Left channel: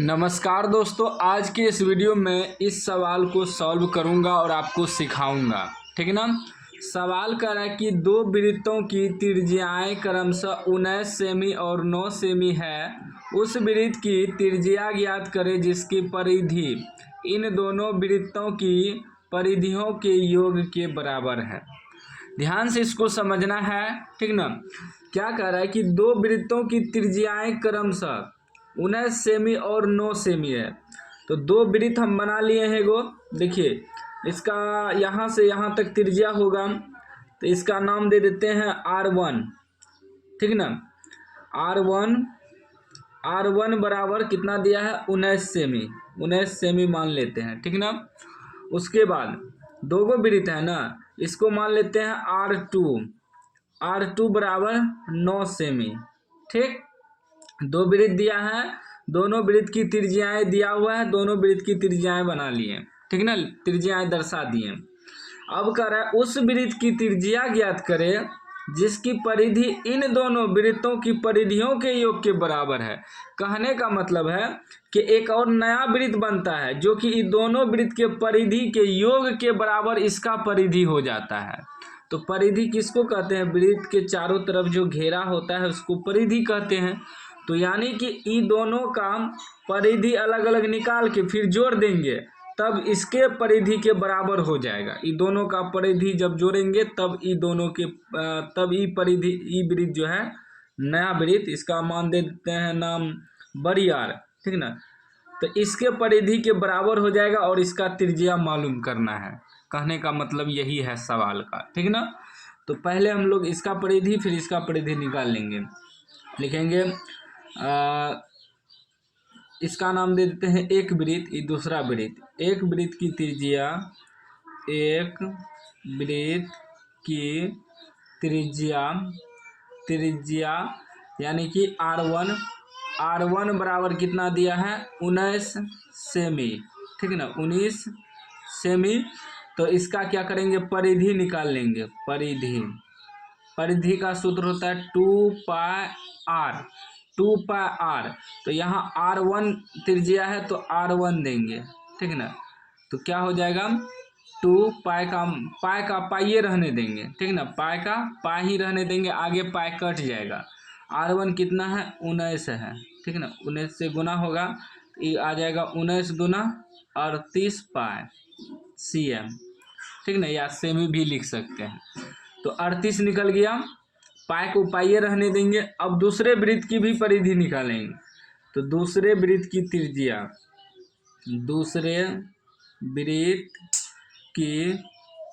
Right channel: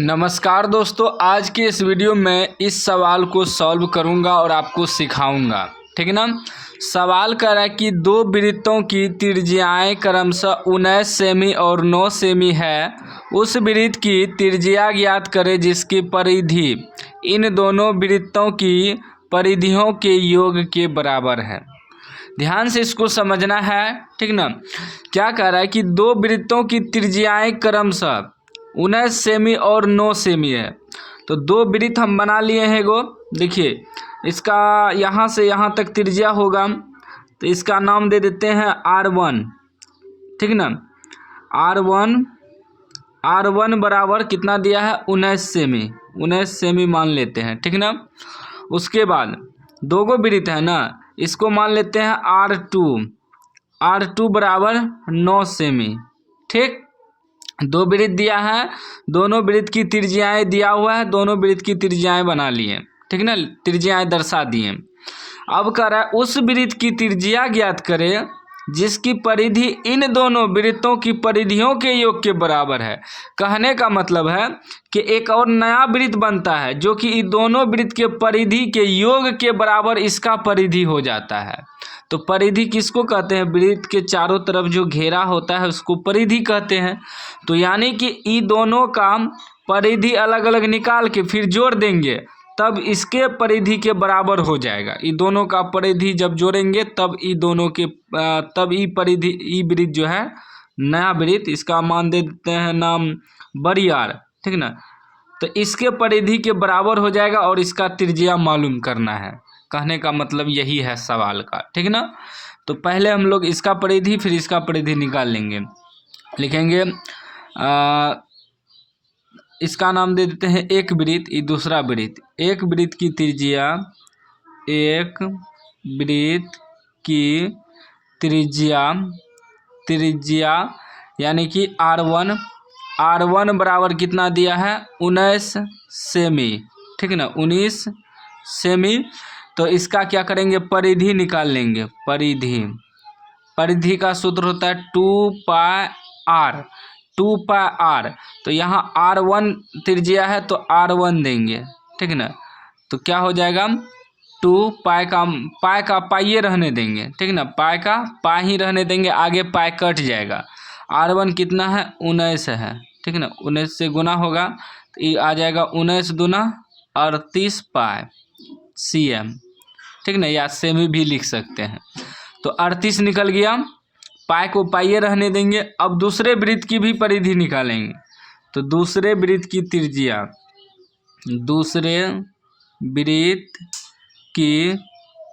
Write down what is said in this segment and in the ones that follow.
नमस्कार दोस्तों, आज के इस वीडियो में इस सवाल को सॉल्व करूंगा और आपको सिखाऊंगा। ठीक है ना। सवाल कर रहा है कि दो वृत्तों की त्रिज्याएं क्रमशः 19 सेमी और 9 सेमी है। उस वृत्त की त्रिज्या ज्ञात करें जिसकी परिधि इन दोनों वृत्तों की परिधियों के योग के बराबर है। ध्यान से इसको समझना है। ठीक ना। क्या कह रहा है कि दो वृत्तों की त्रिज्याएं क्रमशः 19 सेमी और 9 सेमी है। तो दो वृत्त हम बना लिए हैं। गो देखिए, इसका यहाँ से यहाँ तक त्रिज्या होगा, तो इसका नाम दे देते हैं R1। ठीक ना। R1 बराबर कितना दिया है, 19 सेमी। 19 सेमी मान लेते हैं। ठीक ना। उसके बाद दो गो वृत्त है ना, इसको मान लेते हैं R2 बराबर 9 सेमी। ठीक, दो वृत्त दिया है, दोनों वृत्त की त्रिज्याएं दिया हुआ है, दोनों वृत्त की त्रिज्याएं बना लिए। ठीक ना, त्रिज्याएं दर्शा दिए। अब कह रहा है उस वृत्त की त्रिज्या ज्ञात करें जिसकी परिधि इन दोनों वृत्तों की परिधियों के योग के बराबर है। कहने का मतलब है कि एक और नया वृत्त बनता है जो कि इन दोनों वृत्त के परिधि के योग के बराबर इसका परिधि हो जाता है। तो परिधि किसको कहते हैं, वृत्त के चारों तरफ जो घेरा होता है उसको परिधि कहते हैं। तो यानी कि इन दोनों का परिधि अलग अलग निकाल के फिर जोड़ देंगे तब इसके परिधि के बराबर हो जाएगा। इन दोनों का परिधि जब जोड़ेंगे तब इन दोनों के तब ई परिधि ई वृत्त जो है नया वृत्त, इसका मान दे देते हैं नाम बड़ी आर। ठीक ना। तो इसके परिधि के बराबर हो जाएगा और इसका त्रिज्या मालूम करना है। कहने का मतलब यही है सवाल का। ठीक ना। तो पहले हम लोग इसका परिधि फिर इसका परिधि निकाल लेंगे। लिखेंगे इसका नाम दे देते हैं एक वृत्त, ये दूसरा वृत्त। एक वृत्त की त्रिज्या, एक वृत्त की त्रिज्या यानी कि R1 बराबर कितना दिया है, 19 सेमी। ठीक है ना, 19 सेमी। तो इसका क्या करेंगे, परिधि निकाल लेंगे। परिधि का सूत्र होता है 2πr। तो यहाँ R1 त्रिज्या है तो R1 देंगे। ठीक है ना। तो क्या हो जाएगा, 2 पाई का पाइये रहने देंगे। ठीक है ना, पाई का पाई ही रहने देंगे, आगे पाई कट जाएगा। R1 कितना है, 19 है। ठीक है ना, 19 से गुना होगा तो ये आ जाएगा 19 दूना 38 पाई cm। ठीक ना, या सेमी भी लिख सकते हैं। तो 38 निकल गया, पाई को पाइये रहने देंगे। अब दूसरे वृत्त की भी परिधि निकालेंगे। तो दूसरे वृत्त की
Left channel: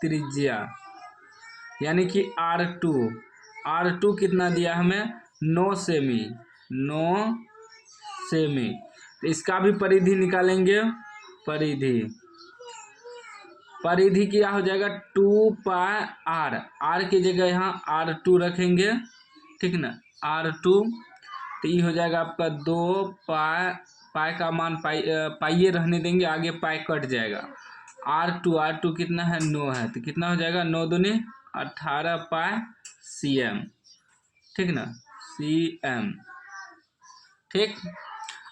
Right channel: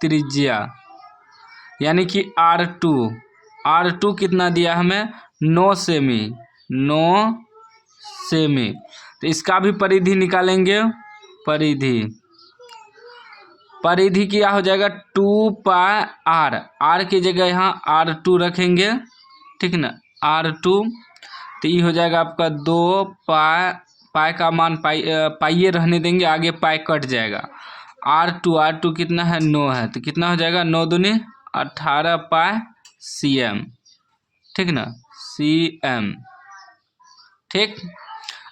त्रिज्या यानी कि R2 कितना दिया हमें, 9 सेमी। तो इसका भी परिधि निकालेंगे। परिधि क्या हो जाएगा, 2πr। R की जगह यहाँ R2 रखेंगे। ठीक ना, R2। तो ये हो जाएगा आपका 2 पाई का मान पाइये रहने देंगे, आगे पाई कट जाएगा। R2 कितना है, 9 है। तो कितना हो जाएगा, 9 दूनी 18 पाई cm। ठीक ना, cm। ठीक,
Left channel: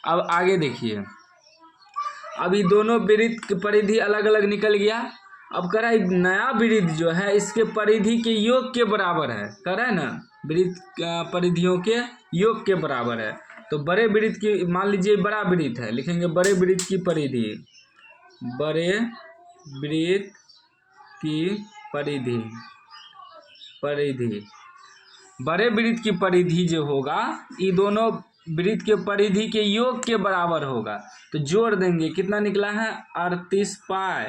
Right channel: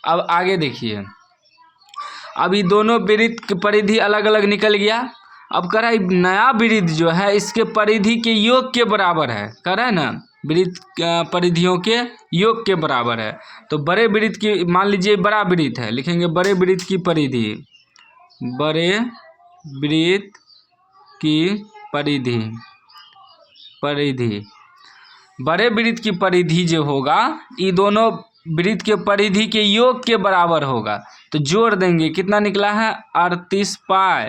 अब आगे देखिए। अब ये दोनों वृत्त की परिधि अलग अलग निकल गया। अब कह रहा है नया वृत्त जो है इसके परिधि के योग के बराबर है। कह रहा है ना, वृत्त परिधियों के योग के बराबर है। तो बड़े वृत्त की, मान लीजिए बड़ा वृत्त है, लिखेंगे बड़े वृत्त की परिधि। बड़े वृत्त की बड़े वृत्त की परिधि जो होगा ये दोनों वृत्त के परिधि के योग के बराबर होगा। तो जोड़ देंगे, कितना निकला है, 38 पाई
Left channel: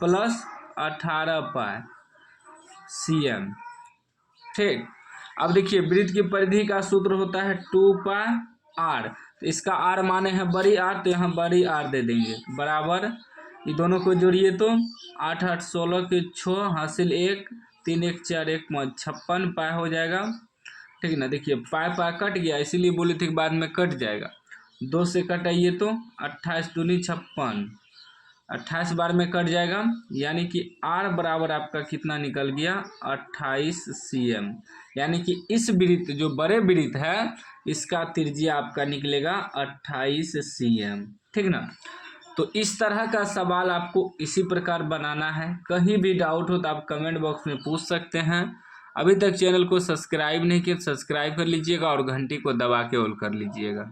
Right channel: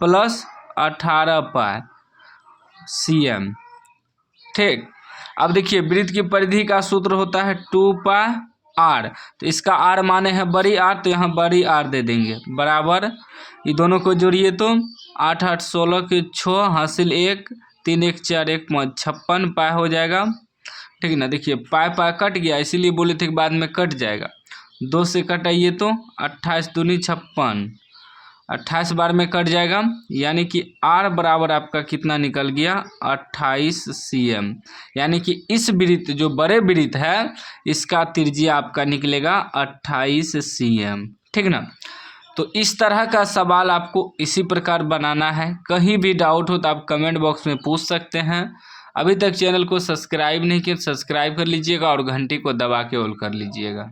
प्लस 18 पाई cm। ठीक, अब देखिए वृत्त की परिधि का सूत्र होता है 2πr। तो इसका R माने है बड़ी R, तो यहाँ बड़ी R दे देंगे बराबर। ये दोनों को जोड़िए तो 8 8 16 के 6 हासिल 1 3 1 4 1 5 56 पाई हो जाएगा। ठीक है ना। देखिए पाई कट गया, इसीलिए बोले थे कि बाद में कट जाएगा। 2 से कटाइए तो 28 दूनी 56 28 बार में कट जाएगा, यानी कि R बराबर आपका कितना निकल गया 28 cm। यानी कि इस वृत्त जो बड़े वृत्त है इसका त्रिज्या आपका निकलेगा 28 cm, ठीक ना। तो इस तरह का सवाल आपको इसी प्रकार बनाना है। कहीं भी डाउट हो तो आप कमेंट बॉक्स में पूछ सकते हैं। अभी तक चैनल को सब्सक्राइब नहीं किया, सब्सक्राइब कर लीजिएगा और घंटी को दबा के ऑल कर लीजिएगा।